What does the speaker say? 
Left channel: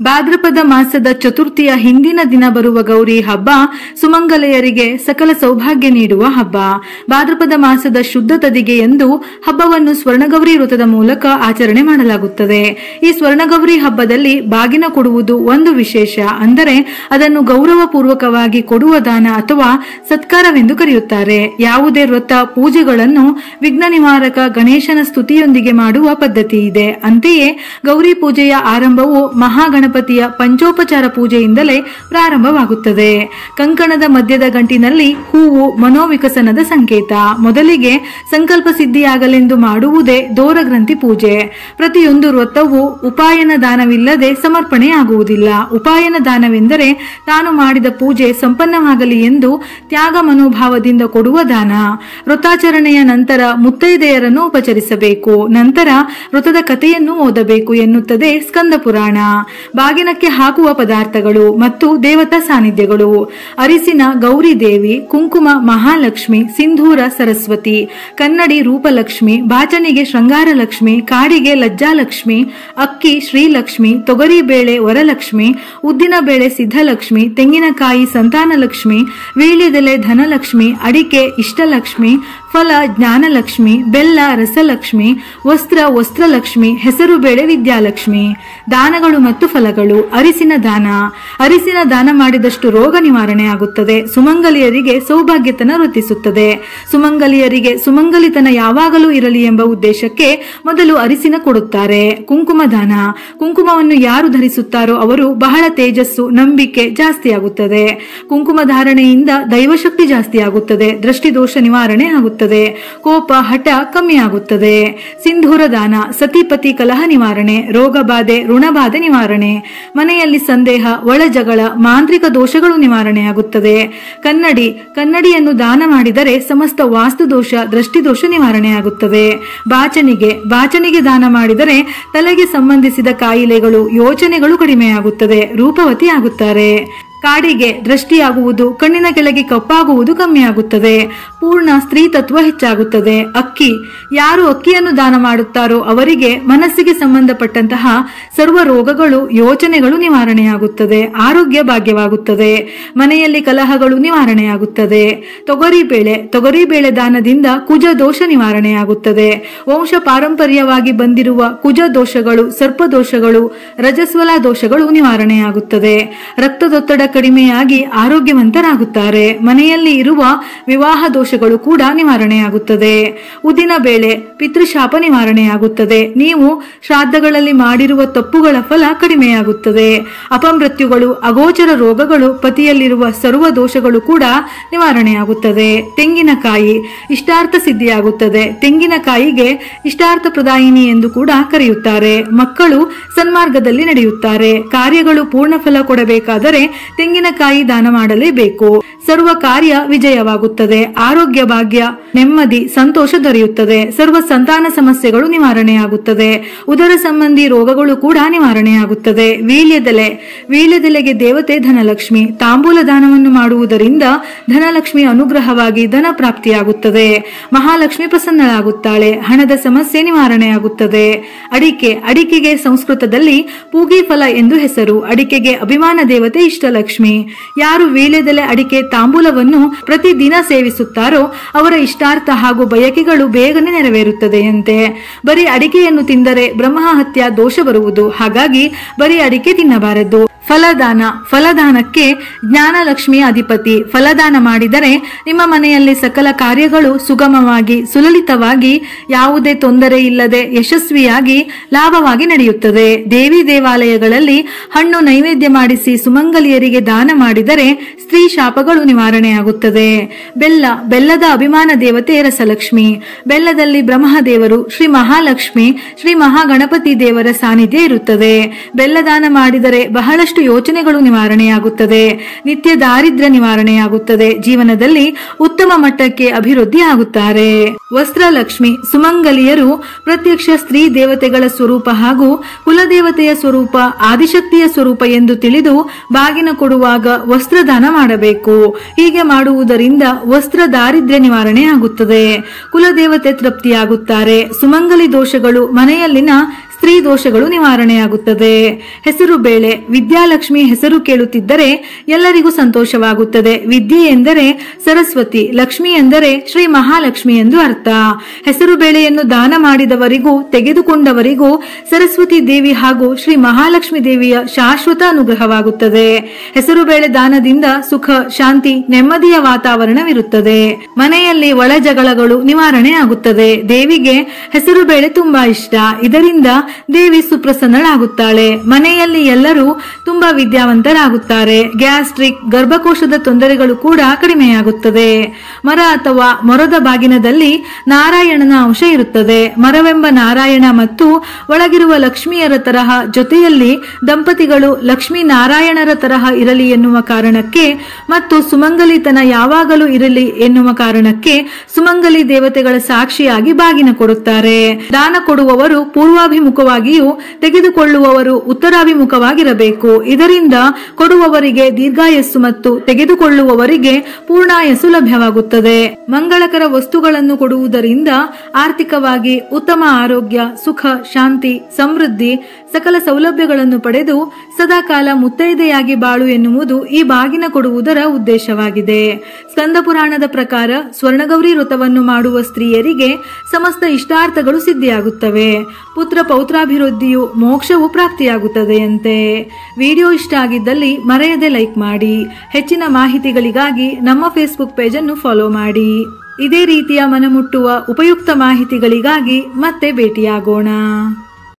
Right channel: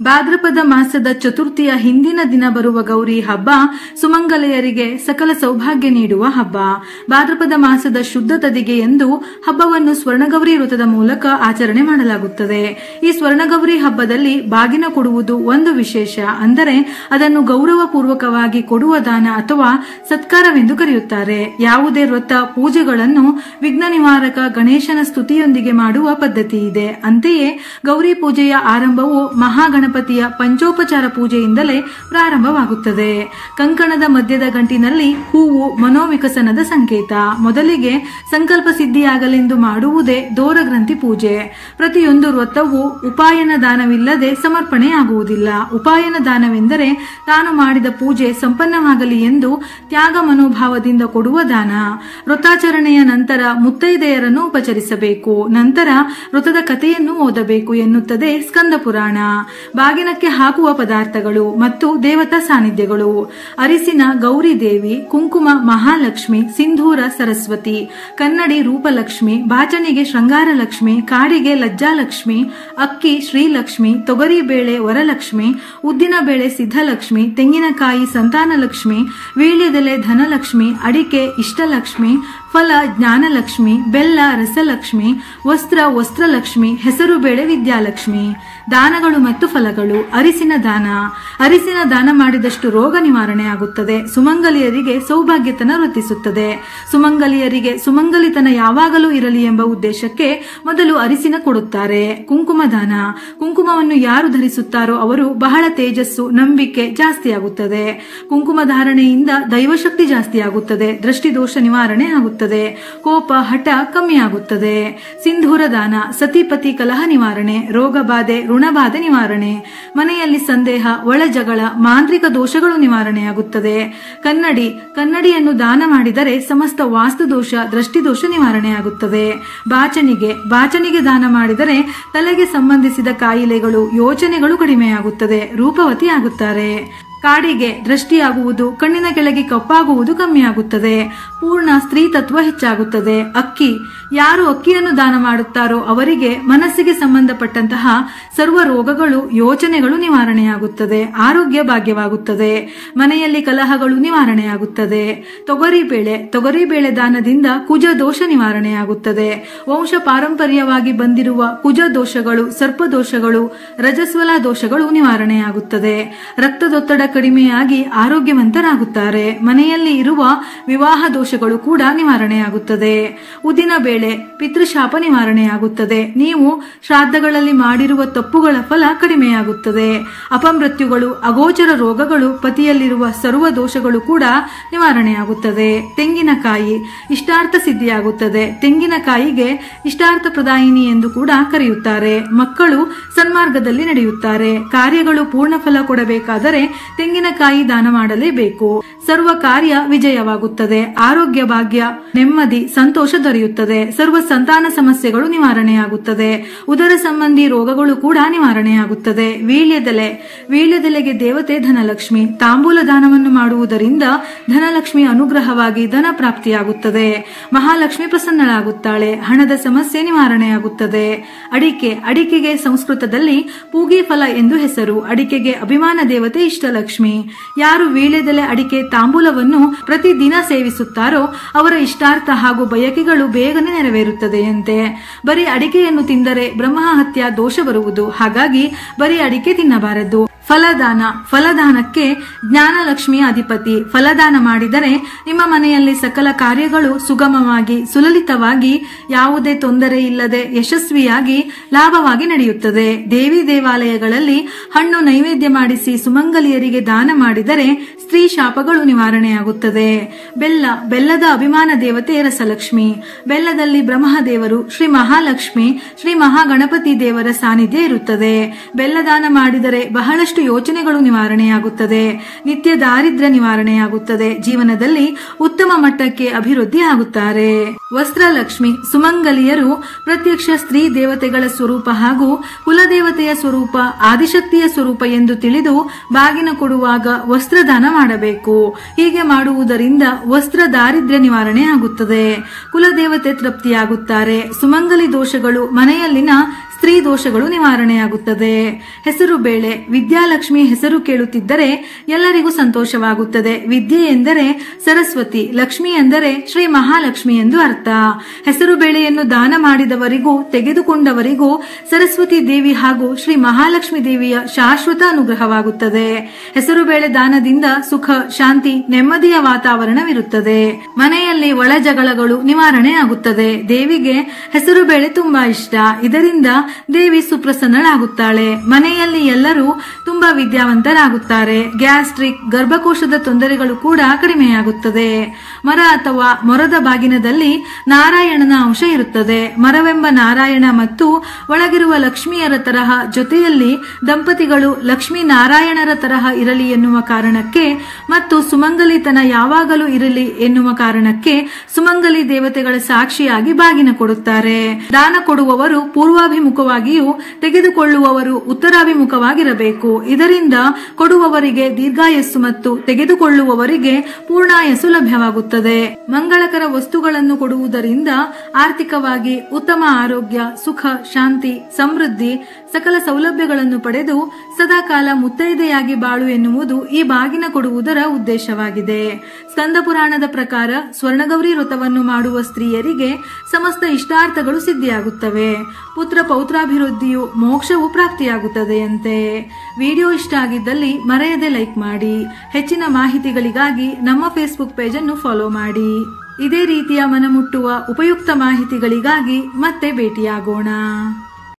ಭಾದ್ರಪದ ಮಾಸದ ಚತುರ್ಥಿಯ ಹಿಂದಿನ ದಿನ ಬರುವ ಗೌರಿ ಹಬ್ಬ ಸುಮಂಗಲೆಯರಿಗೆ ಸಕಲ ಸೌಭಾಗ್ಯ ನೀಡುವ ಹಬ್ಬ. ಭಾದ್ರಪದ ಮಾಸದ ಶುದ್ಧ ತದಿಗೆ ಎಂದು ಹಬ್ಬವನ್ನು ಸ್ವರ್ಣಗೌರಿ ವ್ರತದ ಮೂಲಕ ಆಚರಣೆ ಮಾಡಲಾಗುತ್ತದೆ. ಈ ಸ್ವರ್ಣಗೌರಿ ಹಬ್ಬದಲ್ಲಿ ಬಾಗಿನ ಕೊಡುವುದು ಒಂದು ವಿಶೇಷ. ಅಂದರೆ ಅದನ್ನು ಗೌರವಪೂರ್ವಕವಾಗಿ ಕೊಡುವ ದಾನ ಅಥವಾ ಸತ್ಕಾರವೆಂದು ಕರೆಯುತ್ತಾರೆ. ಯಾವುದೇ ವ್ರತ ಪೂಜೆಗಳನ್ನು ವಿಘ್ನ ನಿವಾರಕ ಗಣೇಶನ ಸ್ತುತಿಯೊಂದಿಗೆ ಮಾಡುವ ಪದ್ಧತಿ ಇದೆ. ಅಂತೆಯೇ ಗೌರಿ ಪೂಜೆಯ ಆರಂಭವು ಮಹಾಗಣಪತಿಯ ಪಂಚೋಪಚಾರ ಪೂಜೆಯಿಂದಲೇ ಪ್ರಾರಂಭವಾಗುತ್ತದೆ. ಕಂಕಣದ ಮಧ್ಯದ ಗಂಟಿನಲ್ಲಿ ಹೂವು ಮನೋವಿಕಸನದ ಸಂಕೇತ. ಮೊದಲಿಗೆ ಸಂಕಲ್ಪ ಸಿದ್ಧಿಯಾಗಲೆಂದು ಮಾಡುವುದೇ ದೋರಗ್ರಂಥಿ ಪೂಜೆ. ಪ್ರತಿಯೊಂದು ವ್ರತವು ಉಪಾಯನ ದಾನವಿಲ್ಲದೆ ಸಮರ್ಪಣೆಯಾಗುವುದಿಲ್ಲ. ಉಪಾಯನ ದಾನವೆಂದರೆ ತಾನು ಮಾಡಿದ ಪೂಜೆ ಸಂಪನ್ನವಾಗಲಿ ಎಂದು ತ್ಯಾಗ ಮನೋಭಾವದಿಂದ ಕೊಡುವ ದಾನ. ವ್ರತಾಚರಣೆಯ ನಂತರ ಮುತ್ತೈದೆಯರನ್ನು ಉಪಚರಿಸಬೇಕು. ನಂತರ ವ್ರತದ ಕಥೆಯನ್ನು ಓದಬೇಕು ಎನ್ನುತ್ತದೆ ಸ್ಕಂದ ಪುರಾಣ. ಬಾಗಿನಕ್ಕೆ ಹಾಕುವ ಪದಾರ್ಥಗಳು ಮತ್ತು ದೇವತಾ ಸಾನ್ನಿಧ್ಯಗಳು: ಅರಿಸಿನ ಗೌರಿ ದೇವಿ, ಕುಂಕುಮ ಮಹಾಲಕ್ಷ್ಮಿ, ಸಿಂಧೂರ ಸರಸ್ವತಿ, ಕನ್ನಡಿ ರೂಪಲಕ್ಷ್ಮಿ, ಬಾಚನಿಗೆ ಶೃಂಗಾರ ಲಕ್ಷ್ಮಿ, ಕಾಡಿಗೆ ಲಜ್ಜಾಲಕ್ಷ್ಮಿ, ಅಕ್ಕಿ ಶ್ರೀಲಕ್ಷ್ಮಿ, ತೊಗರಿ ಬೇಳೆ ವರಲಕ್ಷ್ಮಿ, ಉದ್ದಿನ ಬೇಳೆ ಸಿದ್ಧಲಕ್ಷ್ಮಿ, ತೆಂಗಿನಕಾಯಿ ಸಂತಾನಲಕ್ಷ್ಮಿ, ವೀಳ್ಯದೆಲೆ ಧನಲಕ್ಷ್ಮಿ, ಅಡಿಕೆ ಇಷ್ಟಲಕ್ಷ್ಮಿ, ಫಲ ಜ್ಞಾನಲಕ್ಷ್ಮಿ, ಬೆಲ್ಲ ರಸಲಕ್ಷ್ಮಿ, ವಸ್ತ್ರ ವಸ್ತ್ರಲಕ್ಷ್ಮಿ, ಹೆಸರು ಬೇಳೆ ವಿದ್ಯಾಲಕ್ಷ್ಮಿ. ದಾನಗಳು ಮತ್ತು ಫಲಗಳು: ಅರಿಸಿನ ದಾನ. ಅರಿಸಿನ ದಾನ ಮಾಡಿದಷ್ಟು ರೋಗ ನಿವಾರಣೆ ಆಗುತ್ತದೆ. ಸುಮಂಗಲಿಯರಿಗೆ ಸೌಭಾಗ್ಯತನ ವೃದ್ಧಿಸುತ್ತದೆ. ಸುಮಂಗಲಿಯರಿಗೆ ಸುಮಂಗಲಿತನ ಯಾವಾಗಲೂ ಇರಲಿ ಎಂಬ ಉದ್ದೇಶಕ್ಕೆ ಮೊದಲು ಅರಿಸಿನ ಕೊಡುತ್ತಾರೆ. ಕುಂಕುಮ ದಾನ. ಕುಂಕುಮವನ್ನು ಯಾರು ಧರಿಸುತ್ತಾರೋ ಅವರು ಬಹಳ ತೇಜಸ್ಸು, ನಂಬಿಕೆ ಜಾಸ್ತಿಯಾಗುತ್ತದೆ. ಕುಂಕುಮ ಧಾರಣೆಯಿಂದ ದೈವಶಕ್ತಿ ಜಾಸ್ತಿಯಾಗುತ್ತದೆ. ದೃಷ್ಟಿದೋಷ ನಿವಾರಣೆ ಆಗುತ್ತದೆ. ಕೋಪ ಹಠ ಕಮ್ಮಿಯಾಗುತ್ತದೆ. ಸಿಂಧೂರ ದಾನ. ಸತಿಪತಿ ಕಲಹ ನಿವಾರಣೆ, ರೋಗ ಬಾಧೆ ಋಣಬಾಧೆ ನಿವಾರಣೆ, ಮನೆಯಲ್ಲಿ ಸಂದೇಹ, ಒಳಜಗಳ, ಮಾಂತ್ರಿಕ ದೋಷಗಳು ನಿವಾರಣೆಯಾಗುತ್ತದೆ. ಕನ್ನಡಿ. ಕನ್ನಡಿಯನ್ನು ದಾನ ಮಾಡಿದರೆ ಸಮಸ್ತ ವಾಸ್ತು ದೋಷ ದೃಷ್ಟಿದೋಷ ನಿವಾರಣೆಯಾಗುತ್ತದೆ. ಬಾಚನಿಗೆ ದಾನ ಮಾಡಿದರೆ ತಲೆಗೆ ಸಂಬಂಧಿಸಿದ ಕಾಯಿಲೆಗಳು ಯೋಚನೆಗಳು ಕಡಿಮೆಯಾಗುತ್ತದೆ. ರೂಪವತಿ ಆಗುತ್ತಾರೆ. ಕಾಡಿಗೆ ದೃಷ್ಟಿಯಾಗುವುದು, ಕಣ್ಣಿನ ಕೆಳಗೆ ಕಪ್ಪಾಗುವುದು ಕಮ್ಮಿಯಾಗುತ್ತದೆ. ಪೂರ್ಣ ಸ್ತ್ರೀ ತತ್ವ ಹೆಚ್ಚಾಗುತ್ತದೆ. ಅಕ್ಕಿ. ಯಾರು ಅಕ್ಕಿಯನ್ನು ದಾನ ಮಾಡುತ್ತಾರೋ ಅವರಿಗೆ ಮನಸ್ಸಿಗೆ ಸಂಬಂಧಪಟ್ಟಂತಹ ಸರ್ವ ರೋಗಗಳು ಯೋಚನೆಗಳು ನಿವಾರಣೆಯಾಗುತ್ತದೆ. ಆರೋಗ್ಯ ಭಾಗ್ಯವಾಗುತ್ತದೆ. ಮನೆಯಲ್ಲಿ ಕಲಹಗಳು ನಿವಾರಣೆಯಾಗುತ್ತದೆ. ತೊಗರಿಬೇಳೆ ದಾನದಿಂದ ಕುಜ ದೋಷ ನಿವಾರಣೆಯಾಗುತ್ತದೆ. ವಂಶ ಪಾರಂಪರ್ಯವಾಗಿ ಬಂದಿರುವ ಕುಜ ದೋಷಗಳು, ಸರ್ಪದೋಷಗಳು, ರಜಸ್ವಲ ದೋಷಗಳು ನಿವಾರಣೆಯಾಗುತ್ತದೆ. ರಕ್ತದೊತ್ತಡ ಕಡಿಮೆಯಾಗಿ ಆರೋಗ್ಯವಂತರಾಗುತ್ತಾರೆ. ಮನೆಯಲ್ಲಿ ಇರುವ ವಿವಾಹ ದೋಷಗಳು ಕೂಡ ನಿವಾರಣೆಯಾಗುತ್ತದೆ. ಉದ್ದಿನ ಬೇಳೆ. ಪಿತೃಶಾಪ ನಿವಾರಣೆಯಾಗುತ್ತದೆ. ನೀವು ಶ್ರಾದ್ದಗಳಲ್ಲಿ ಮಾಡಿರುವ ತಪ್ಪುಗಳ ಫಲ ಕಡಿಮೆಯಾಗುತ್ತದೆ. ಅಪಮೃತ್ಯುಗಳು, ಅಗೋಚರ ರೋಗಗಳು, ಪತಿಯಲ್ಲಿರುವ ಸರ್ವ ದೋಷಗಳು ಕೂಡ ನಿವಾರಣೆಯಾಗುತ್ತದೆ. ತೆಂಗಿನಕಾಯಿ. ಇಷ್ಟಾರ್ಥ ಸಿದ್ಧಿಯಾಗುತ್ತದೆ. ತೆಂಗಿನಕಾಯಿಗೆ ಇಷ್ಟಾರ್ಥ ಪ್ರದಾಯಿನಿ ಎಂದು ಕೂಡ ಕರೆಯುತ್ತಾರೆ. ಮಕ್ಕಳು ಸನ್ಮಾರ್ಗದಲ್ಲಿ ನಡೆಯುತ್ತಾರೆ. ಕಾರ್ಯಗಳು ಪೂರ್ಣ ಫಲ ಕೊಡಬೇಕಾದರೆ ತೆಂಗಿನಕಾಯಿ ದಾನ ಮಾಡಲೇಬೇಕು. ಸರ್ವ ಕಾರ್ಯ ವಿಜಯವಾಗುತ್ತದೆ. ಆರೋಗ್ಯ ಭಾಗ್ಯ, ನೆಮ್ಮದಿ, ಸಂತೋಷ ದೊರೆಯುತ್ತದೆ. ಸರ್ವ ಸಂತಾನ ಸಮಸ್ಯೆಗಳು ನಿವಾರಣೆಯಾಗುತ್ತದೆ. ಉದರ ಸಂಬಂಧಿ ರೋಗಗಳು ಕೂಡ ನಿವಾರಣೆಯಾಗುತ್ತದೆ. ವೀಳ್ಯದೆಲೆಗೆ ದೇವತೆ ಧನಲಕ್ಷ್ಮಿ. ತಾಂಬೂಲ ದಾನವನ್ನು ಮಾಡುವುದರಿಂದ ಧನಲಕ್ಷ್ಮಿ ಅನುಗ್ರಹವಾಗಿ ಧನ ಪ್ರಾಪ್ತಿಯಾಗುತ್ತದೆ. ಮಹಾಲಕ್ಷ್ಮಿ ಪ್ರಸನ್ನಳಾಗುತ್ತಾಳೆ. ಹಣದ ಸಮಸ್ಯೆ ನಿವಾರಣೆಯಾಗುತ್ತದೆ. ಅಡಿಕೆಗೆ ಸಂಸ್ಕೃತದಲ್ಲಿ ಪೂಗಿ ಫಲ ಎಂದು ಹೆಸರು. ಅಡಿಕೆಗೆ ಅಭಿಮಾನ ದೇವತೆ ಇಷ್ಟಲಕ್ಷ್ಮಿ. ಯಾರು ವೀಳ್ಯದೆಲೆ ಅಡಿಕೆ ತಾಂಬೂಲವನ್ನು ಪ್ರತಿದಿನ ಸೇವಿಸುತ್ತಾರೋ ಅವರ ಇಷ್ಟಾರ್ಥ ಹಾಗೂ ಬಯಕೆಗಳು ಬೇಗನೆ ನೆರವೇರುತ್ತದೆಯಂತೆ. ಬರೀ ಅಡಿಕೆಯನ್ನು ತಿಂದರೆ ಬ್ರಹ್ಮಹತ್ಯ ದೋಷ ಬರುವುದು. ಹಾಗಾಗಿ ಬರೀ ಅಡಿಕೆ ತಿನ್ನಬಾರದು. ಫಲದಾನಕ್ಕೆ ಜ್ಞಾನಲಕ್ಷ್ಮಿಯ ಅಧಿಪತಿ. ಫಲದಾನ ಮಾಡಿದರೆ ನಿಮ್ಮ ಮನೆಯಲ್ಲಿ ಸಕಲ ಕಾರ್ಯಗಳು ಸುಗಮವಾಗಿ, ಸುಲಲಿತವಾಗಿ, ಯಾವುದೇ ತೊಂದರೆ ಇಲ್ಲದೆ ಯಶಸ್ವಿಯಾಗಿ ಲಾಭವಾಗಿ ನಡೆಯುತ್ತದೆ. ದೇವಿ ದೇವಾಲಯಗಳಲ್ಲಿ ಹಣ್ಣು ನೈವೇದ್ಯ ಮಾಡಿಸಿ ಸುಮಂಗಲಿಯರಿಗೆ ದಾನ ಮಾಡಿದರೆ ಸ್ತ್ರೀ ಶಾಪಗಳು ನಿವಾರಣೆಯಾಗುತ್ತದೆ. ಬೆಲ್ಲದ ಅಭಿಮಾನ ದೇವತೆ ರಸಲಕ್ಷ್ಮಿ. ಬೆಲ್ಲದಲ್ಲಿ ಬ್ರಹ್ಮದೇವರು, ಶ್ರೀ ಮಹಾಲಕ್ಷ್ಮಿ, ಶ್ರೀ ಮಹಾಗಣಪತಿ ದೇವರ ಸಾನ್ನಿಧ್ಯ ಇರುತ್ತದೆ. ಬೆಲ್ಲದಾನ ಮಾಡಿದರೆ ಬಹಳಷ್ಟು ಯೋಚನೆಗಳು ನಿವಾರಣೆಯಾಗುತ್ತದೆ. ನಿತ್ಯ ದಾರಿದ್ರ್ಯ ನಿವಾರಣೆಯಾಗುತ್ತದೆ. ಜೀವನದಲ್ಲಿ ಉತ್ತಮ ಮಟ್ಟಕ್ಕೆ ಅಭಿವೃದ್ಧಿ ಆಗುತ್ತಾರೆ. ವಸ್ತ್ರಲಕ್ಷ್ಮಿ. ಸುಮಂಗಲಿಯರು ಪ್ರತ್ಯಕ್ಷ ಸ್ತ್ರೀ ದೇವತೆಗಳ ಸ್ವರೂಪ ಹಾಗೂ ಕುಲದೇವತೆಯ ಸ್ವರೂಪ, ಆದಿಶಕ್ತಿಯ ಸ್ವರೂಪ ಎಂದು ತಿಳಿದು ಬಾಗಿನ ಕೊಡುವಾಗ ವಸ್ತ್ರದಾನ ಮಾಡಬೇಕು. ಹೀಗೆ ಮಾಡುವುದರಿಂದ ವಸ್ತ್ರ ದಾರಿದ್ರ್ಯ ನಿವಾರಣೆ ಆಗುತ್ತದೆ. ಕುಲದೇವತೆ ತೃಪ್ತಿಯಾಗುತ್ತಾರೆ. ಸುಮಂಗಲಿ ದೋಷಗಳು ಮನೆಯಲ್ಲಿನ ಸ್ತ್ರೀ ದೋಷಗಳು ನಿವಾರಣೆಯಾಗುತ್ತದೆ. ಹೆಸರು ಬೇಳೆ. ವಿದ್ಯಾಲಕ್ಷ್ಮಿ ಹೆಸರು ಕೇಳುತ್ತಿದ್ದರೆ ಎಲ್ಲರಿಗೂ ಸಂತೋಷವಾಗುತ್ತದೆ. ವಿದ್ಯೆ ಎಂದರೆ ಸರಸ್ವತಿ, ಲಕ್ಷ್ಮಿ ಎಂದರೆ ಶ್ರೀ ಮಹಾಲಕ್ಷ್ಮಿ ಎಂದು ಅರ್ಥ. ಹೆಸರು ಬೇಳೆಯನ್ನು ದಾನ ಮಾಡಿದವರಿಗೂ ತೆಗೆದುಕೊಂಡವರಿಗೂ ಸರಸ್ವತಿ ದೇವಿ ಹಾಗೂ ಶ್ರೀ ಮಹಾಲಕ್ಷ್ಮಿ ದೇವಿಯ ಶಾಶ್ವತ ಅನುಗ್ರಹವಾಗುತ್ತದೆ. ಹೆಸರು ಬೇಳೆ ದಾನದಿಂದ ಸುಖ, ಶಾಂತಿ, ನೆಮ್ಮದಿಯ ವಾತಾವರಣವಿರುತ್ತದೆ. ಮನೆಯಲ್ಲಿ ಒಳ ಜಗಳಗಳು ನಿವಾರಣೆ ಆಗುತ್ತದೆ. ದೇವಿಗೆ ಹೆಸರು ಬೇಳೆ ತುಂಬಾ ಇಷ್ಟ. ಇದರಿಂದ ದೇವಿ ಸುಪ್ರಸನ್ನಳಾಗುತ್ತಾಳೆ. ಮನೆಯಲ್ಲಿ ಎಲ್ಲರೂ ತುಂಬಾ ವಿದ್ಯಾವಂತರಾಗುತ್ತಾರೆ. ಗ್ಯಾಸ್ಟ್ರಿಕ್, ಗರ್ಭಕೋಶದ ತೊಂದರೆಗಳು ಕೂಡ ಕಡಿಮೆಯಾಗುತ್ತದೆ. ಮರ ಅಥವಾ ಮೊರದ ಬಾಗಿನದಲ್ಲಿ ನಾರಾಯಣನ ಅಂಶ ಇರುತ್ತದೆ. ಮರವೆಂಬ ನಾರಾಯಣ ಮತ್ತು ಒಳಗಿರುವ ಲಕ್ಷ್ಮಿಯರ ತರಹ ಜೊತೆಯಲ್ಲಿ ದಂಪತಿಗಳು ಲಕ್ಷ್ಮೀ ನಾರಾಯಣರ ತರಹ ಇರಲಿ ಎನ್ನುವ ಕಾರಣಕ್ಕೆ ಮತ್ತು ಸುಮಂಗಲಿತನ ಯಾವಾಗಲೂ ಇರಲಿ ಎನ್ನುವ ಕಾರಣಕ್ಕೆ ಸುಮಂಗಲಿ ದೇವತೆಗಳ ಸಾಕ್ಷಿಯಾಗಿ ಬಾಗಿನ ಕೊಡುತ್ತಾರೆ. ದಾನ ಕೊಡುವವರು ಪೂರ್ವಾಭಿಮುಖವಾಗಿಯೂ ತೆಗೆದುಕೊಳ್ಳುವವರು ಉತ್ತರಾಭಿಮುಖವಾಗಿರಬೇಕು. ಇದರಿಂದ ಕೊಡುವವರಿಗೆ ದೀರ್ಘಾಯಸ್ಸು ಮತ್ತು ತೆಗೆದುಕೊಳ್ಳುವವರಿಗೆ ಪೂರ್ಣಾಯಸ್ಸು ಲಭ್ಯವಾಗುತ್ತದೆ. ಮಂಗಳಕರ ವಸ್ತುಗಳನ್ನು ಕೊಡುವುದರಿಂದ ಆರ್ಥಿಕವಾಗಿ ಉತ್ತಮ ಆರೋಗ್ಯ, ಸುಖ, ಶಾಂತಿ, ಸಮೃದ್ಧಿ, ಸಕಲ ಸೌಲಭ್ಯಗಳನ್ನು ಪಡೆದು ಸದಾಕಾಲ ಮುತ್ತೈದೆಯಾಗಿ ಬಾಳು ಎನ್ನುವುದು ಈ ಬಾಗಿನ ಕೊಡುವುದರ ಉದ್ದೇಶವಾಗಿದೆ. ಸ್ಕಂದ ಪುರಾಣದ ಪ್ರಕಾರ ಸ್ವರ್ಣಗೌರಿ ವ್ರತವನ್ನು ಮಾಡುವ ಸ್ತ್ರೀಯರಿಗೆ ಸಮಸ್ತ ಇಷ್ಟಾರ್ಥಗಳು ಸಿದ್ಧಿಯಾಗುತ್ತವೆ. ಪುತ್ರ ಪೌತ್ರಾಭಿವೃದ್ಧಿಯು, ಮೋಕ್ಷವು ಪ್ರಾಪ್ತಿಯಾಗುತ್ತದೆಯಂತೆ. ವಿಡಿಯೋ ಇಷ್ಟ ಆಗಿದ್ದಲ್ಲಿ ಮರೆಯದೆ ಲೈಕ್ ಮಾಡಿ. ಹೆಚ್ಚಿನ ಮಾಹಿತಿಗಳಿಗಾಗಿ ನಮ್ಮ ಫೇಸ್ಬುಕ್ ಪೇಜ್ ಅನ್ನು ಫಾಲೋ ಮಾಡಿ. ಇದೇ ರೀತಿಯ ಮನಮುಟ್ಟುವ ಉಪಯುಕ್ತ ಮಾಹಿತಿಗಳಿಗಾಗಿ ಮತ್ತೆ ಭೇಟಿಯಾಗೋಣ.